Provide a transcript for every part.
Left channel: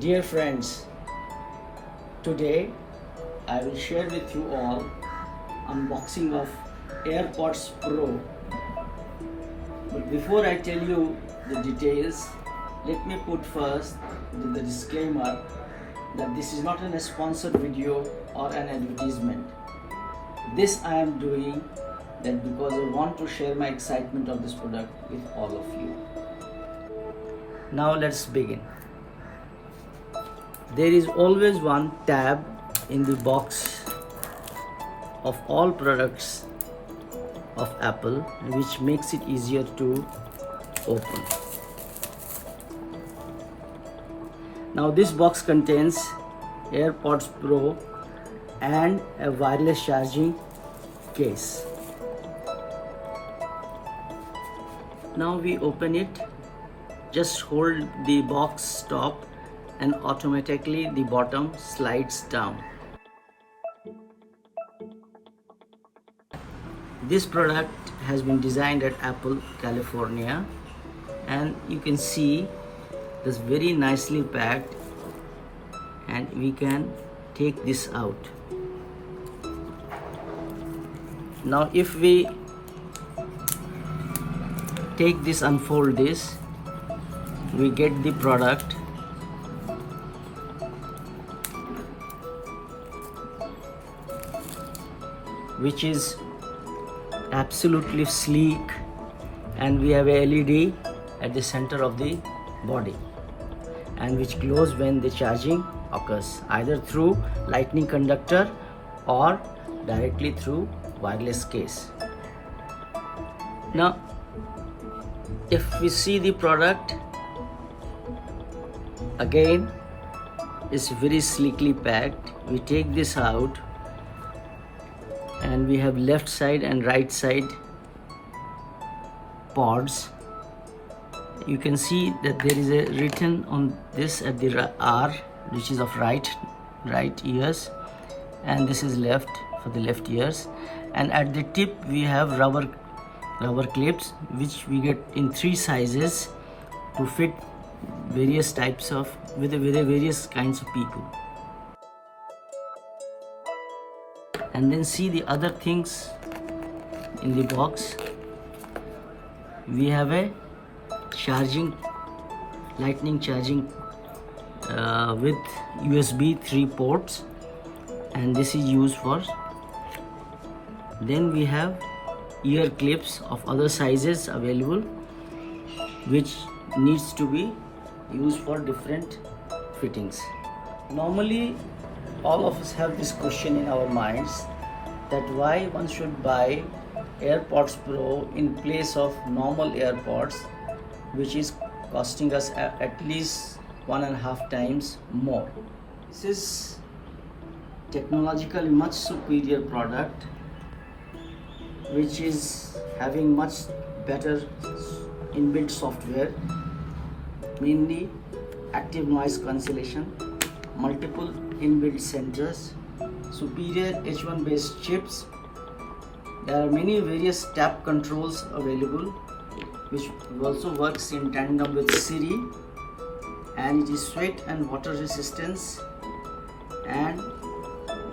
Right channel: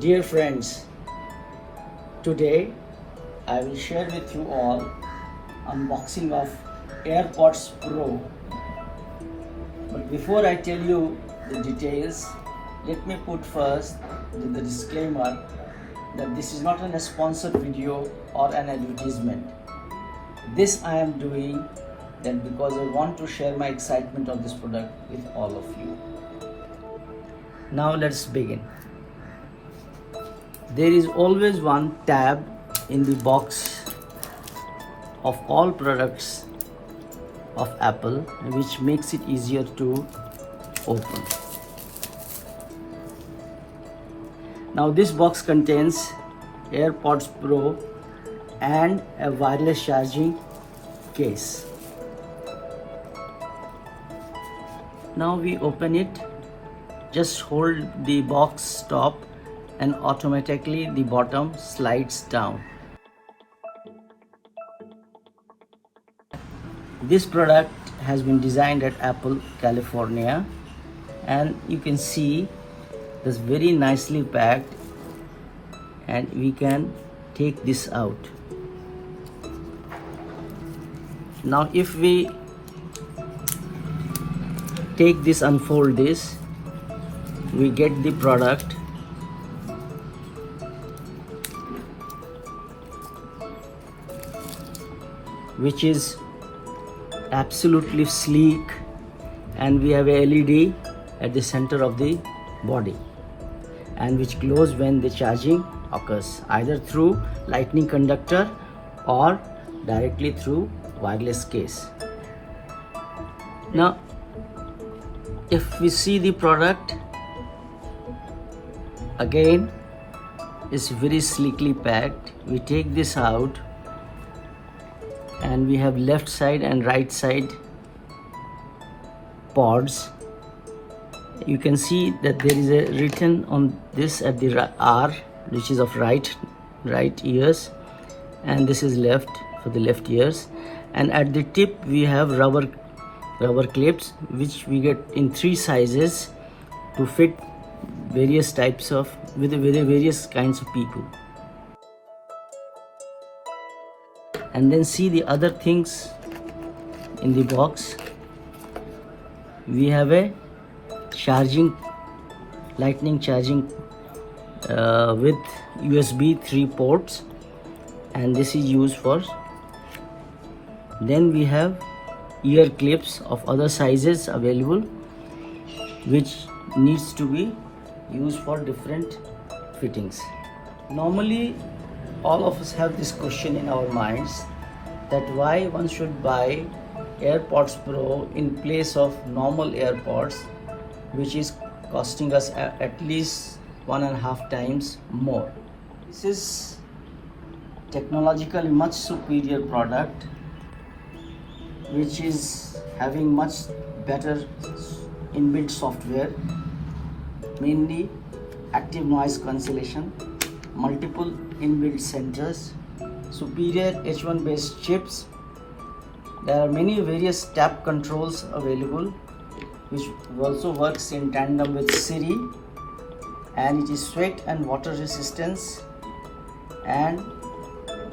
Dear friends, today I will share with you all unboxing of AirPods Pro. But before I tell you the details, let me put first the disclaimer that this is not a sponsored video or an advertisement. This I am doing that because I want to share my excitement of this product with all of you. Now let's begin. There is always one tab in the box of all products of Apple which makes it easier to open. Now this box contains AirPods Pro and a wireless charging case. Now we open it. Just hold the box top and automatically the bottom slides down. This product has been designed at Apple, California, and you can see this very nicely packed, and we can take this out. Now if we take this, unfold this, we get the product. Which is absolutely sleek, and we have a LED at the center of the body, and which glows when the charging occurs, either through lightning conductor or directly through wireless case. Now if we see the product again, it's very sleekly packed. We take this out and we have left side and right side pods. You can see that there is a written on this at the R, which is of right ears, and this is left for the left ears. And at the tip we have rubber clips, which we get in 3 sizes to fit various types of various kinds of people. And then see the other things in the box. We have a lightning charging with USB 3 ports, and this is used for. Then we have ear clips of other sizes available, which needs to be used for different fittings. Normally all of us have this question in our minds, that why one should buy AirPods Pro in place of normal AirPods, which is costing us at least 1.5 times more. This is technologically much superior product, which is having much better inbuilt software, mainly active noise cancellation, multiple inbuilt sensors, superior H1 based chips. There are many various tap controls available, which also works in tandem with Siri, and it is sweat and water resistance, and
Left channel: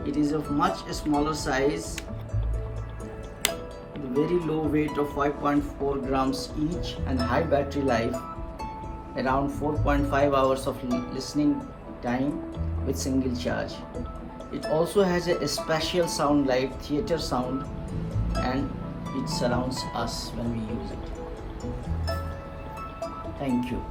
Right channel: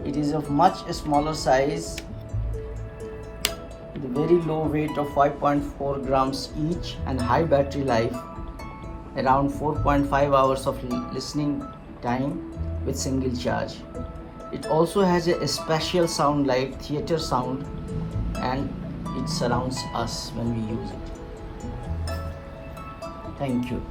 it is of much smaller size, with very low weight of 5.4 grams each, and high battery life, around 4.5 hours of listening time with single charge. It also has a spatial sound like theater sound, and it surrounds us when we use it. Thank you.